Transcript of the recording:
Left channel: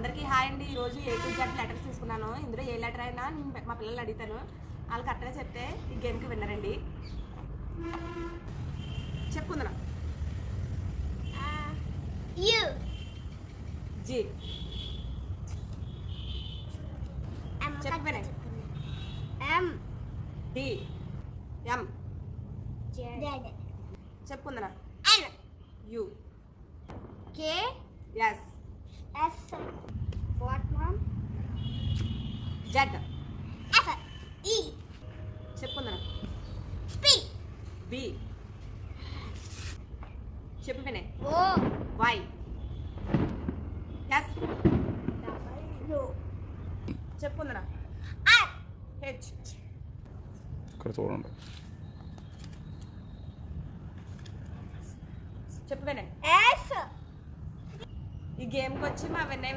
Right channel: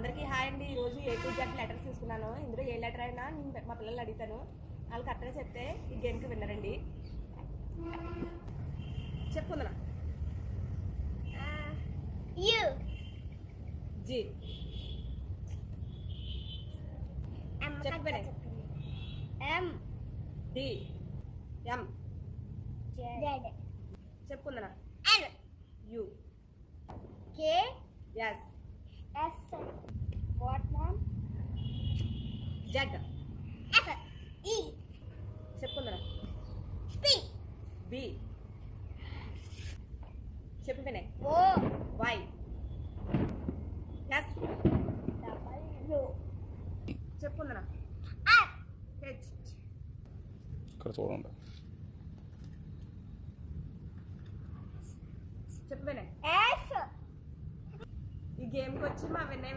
అందరికీ హాయ్ అండి. ఈరోజు A to Z లెటర్స్ తీసుకున్నాను. ఇందులో ఏ లెటర్ అయినా నేను మా పిల్లలు అడుగుతాను, వాళ్ళు కరెక్ట్గా చెప్తే ఈ గేమ్కి విన్నరండి. చెప్పుకుందాం. U G చెప్పండి. M D M Z చెప్పుకుందా. N U K S S what mom Z F E చెప్పుకుందా. P B చెప్పు వినే. O Y S W చెప్పుకుందా. R H ఇక్కడ చూడండి. చెప్పు వినే. S ఈ గేమ్కి వచ్చి మా విన్నయ్య